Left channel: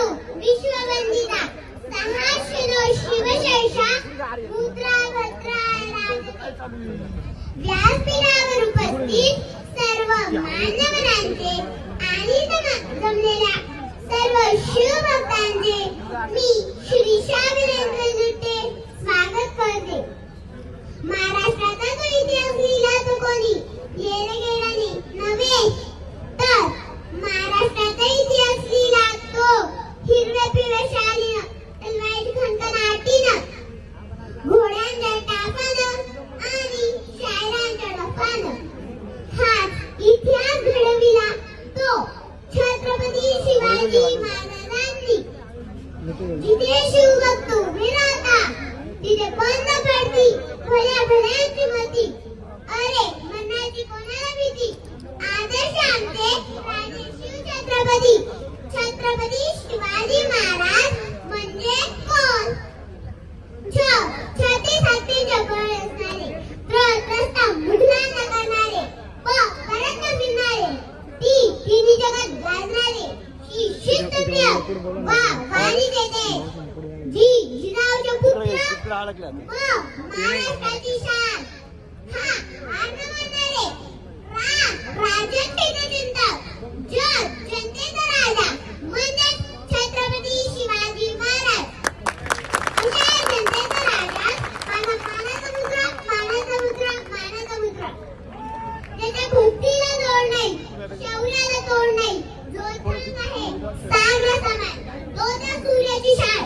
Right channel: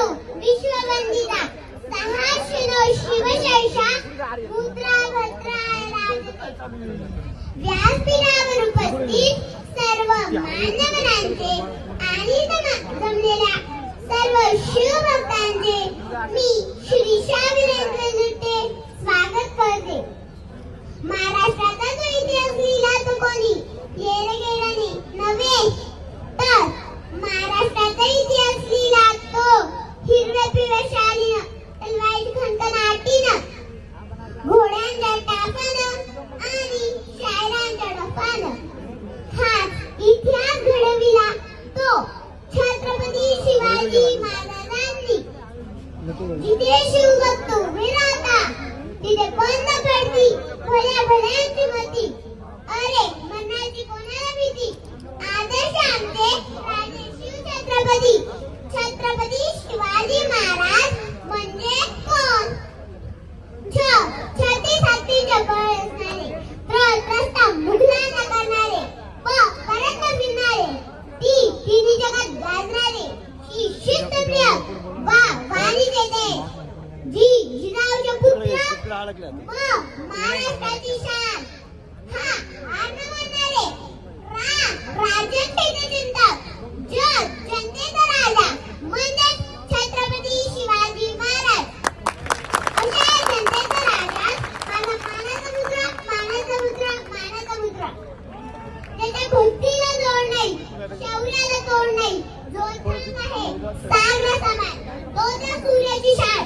विष्णू विश्ववंदिता सहाशिनो शिवशैषा पुत्रा भद्रा व्यासपीठावर उपस्थित सर्व मान्यवरांचे आणि जमलेल्या सर्व शिवभक्तांचे मी श्रीशा वीरेंद्र नृत्ये स्वागत करते. महाराष्ट्राचा जो इतिहास लिहिला तो कोणी येणेकेळणी नव्हे, तर महाराष्ट्राचा इतिहास लिहिला तो हिरव्या पिवळ्या शालीनं तलवारीत खणखणाटीनं, घोड्यांच्या टापानं आणि शायरांच्या डफानं. हाच इतिहास घडविला तो छत्रपती शिवाजी महाराजांनी. जिथे शिवभक्त उभे राहता तिथे बंद पडती भल्या भल्यांची मती. अरे मनाची कोणाला भीती. आदर्श आमचे राजे शिवछत्रपती छत्रपती शिवाजी महाराज म्हणजे कोण? छाती जवळ असणारे, प्रस्ताव मुघला करणारे, परत फिरणारे, तिन्ही जगात गाजणारे, शिस्तप्रिय वाणी देते, जिजाऊचे पुत्र महाराष्ट्राची शान. म्हणणारे राजन जनतेचा राजा म्हणजे छत्रपती शिवाजी महाराज. जनतेचा राजा मानाचा मुद्रा. त्याच्या भक्तीला जोड नाही, शौर्याला तोड नाही. जो ठाम आहे साम्र समान, तो त्या सूर्याची शान.